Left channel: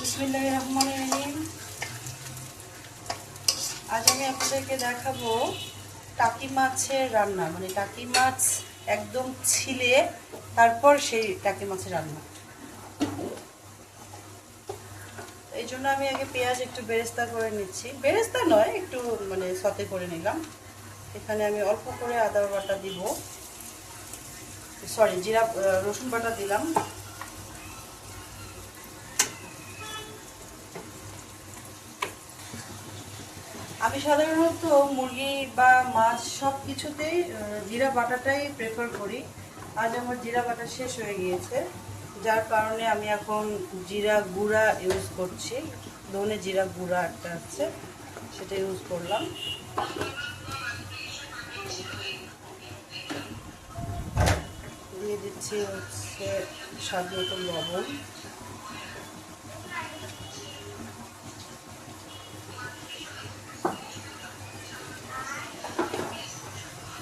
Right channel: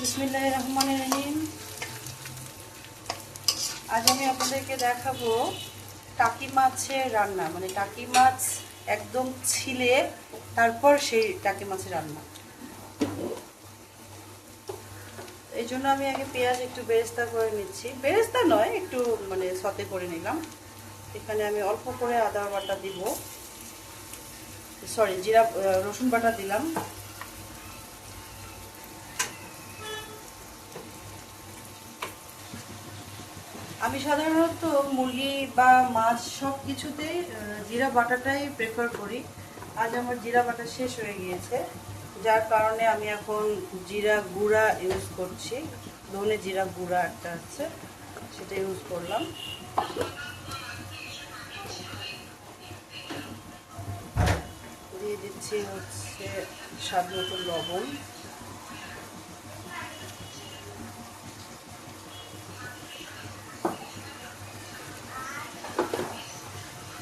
বিসমিল্লাহির রহমানির রহিম। আজ আমি আপনাদেরকে দেখাবো টাকি মাছের রান্না, মানে টাকি মাছ একদম ছিলে তারপর সেই টাকি মাছের রান্না। এই জন্য আমি আগে পেঁয়াজ একটু বেরেস্তা করে নিচ্ছি, বেরেস্তা নয়, একটু মানে সতে করে নিলাম। এখানে আমি অল্প করে আদা বাটা দিব, সরি জিরা রসুন বাটা দিলাম। আমি সাধারণত মুরগি বা মাছ সব কিছুতেই জিরা বাটাটাই প্রেফার করি। আজ আমার জিরা বাটা শেষ হয়ে গিয়েছে, যার কারণে আমি এখন জিরা গুঁড়া ইউজ করছি। ধনে জিরা গুঁড়া একটা আছে, সেটা ইউজ করলাম। দিয়ে দিচ্ছি হচ্ছে স্বাদ মতো লবণ,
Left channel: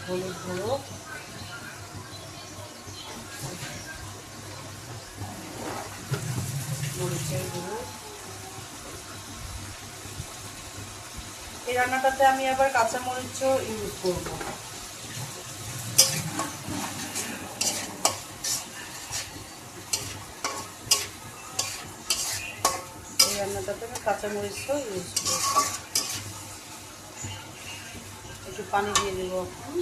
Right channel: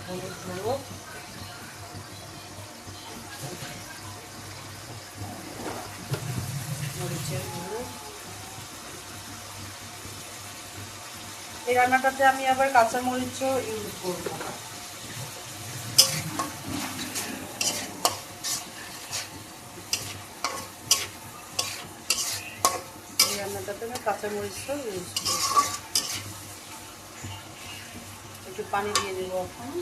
হলুদ গুঁড়ো, মরিচের গুঁড়ো। এই রান্নাটাতে আমি আবার কাঁচামরিচও ইউজ করব। এই রান্নাটাতে আমি কাঁচামরিচও ইউজ করব। একটু পানি দিয়ে দেবো এখন।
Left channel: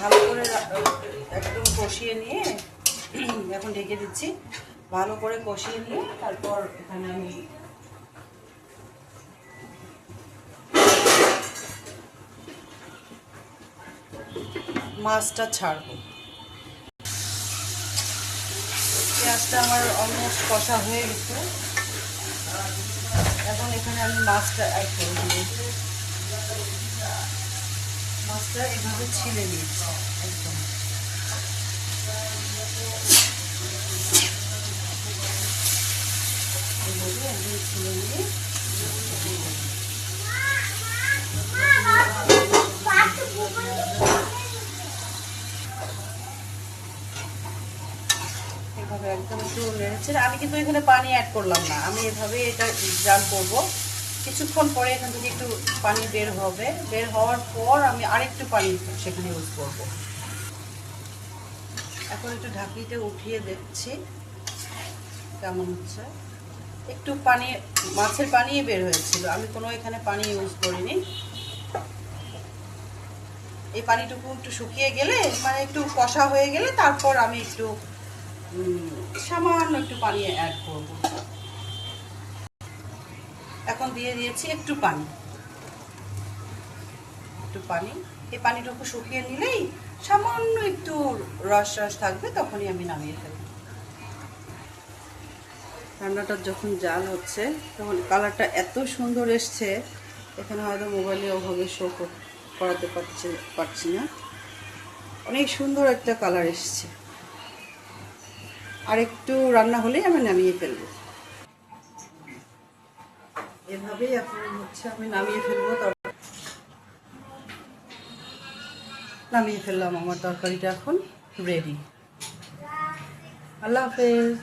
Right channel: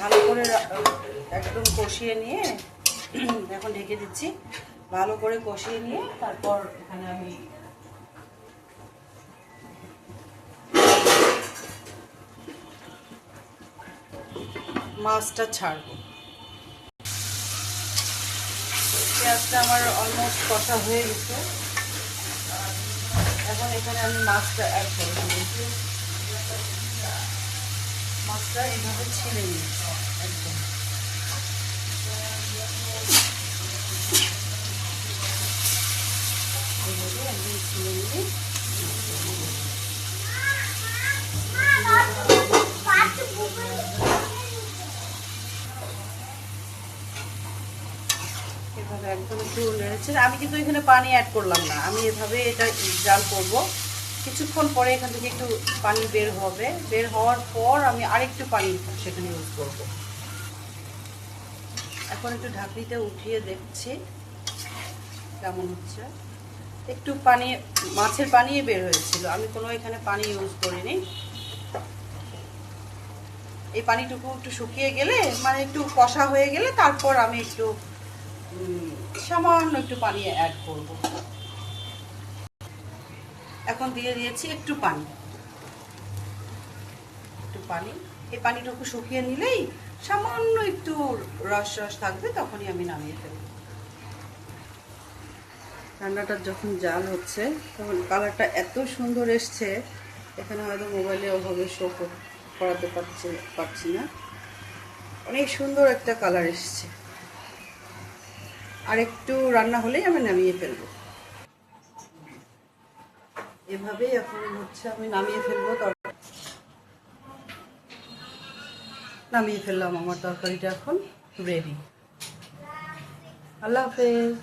ভালো করে একদম কষিয়ে নিয়ে এখন ঢেকে দিচ্ছি। ভালো করে কষিয়ে নিয়ে তারপর এখানে আমি মাছটা ছাড়বো। পেঁয়াজটা আমার অলমোস্ট কষা হয়ে গেছে, এখন এখানে আমি মাছটা অ্যাড করে দিয়েছি। মাছটা এভাবে ছিলে নিয়েছি একদম। এভাবে একদম ছিলে নিয়ে এভাবে একদম একটু নেড়েছে। আমি কিন্তু এখানে পানি অ্যাড করলাম না, আমি এভাবে এটা জাল করব। কিছুক্ষণ পরে এখান থেকে একটু পানি বের হবে, বের হওয়ার পর আমি আরেকটু পানি সেখানে ইউজ করব। এখন একটু ঢাকনিতে উঠিয়ে দেখছি কেমন হচ্ছে। একটু পানি, মাছের পানি বের হয়েছিল, আমি কোনো এখানে পানি ইউজ করিনি। এই পানিটুকু একটু শুকিয়ে গেলে, মানে একটু কষা হয়ে গেলে তারপর আমি একটু সামান্য একটু পানি অ্যাড করব। এখন দিয়ে দিয়েছি একটু পানি, এই পানিটুকু শুকিয়ে নিলেই সামান্য একটু রস রস থাকবে, তখনই আমি নামিয়ে ফেলব। রান্নাটা যখন জাল হচ্ছে তখন কালারটা এত সুন্দর এসছে, এখানে হয়তো মোবাইলে ওভাবে শো করাতে পারছি না। অনেক সুন্দর একটা কালার এসছে। আর একটু রান্না হলেই আমি নামিয়ে ফেলবো। এভাবেই এখন হচ্ছে আমি নামিয়ে ফেলবো। নামিয়ে ফেললাম, আমার তরকারিটা এখন রেডি। আল্লাহ হাফেজ।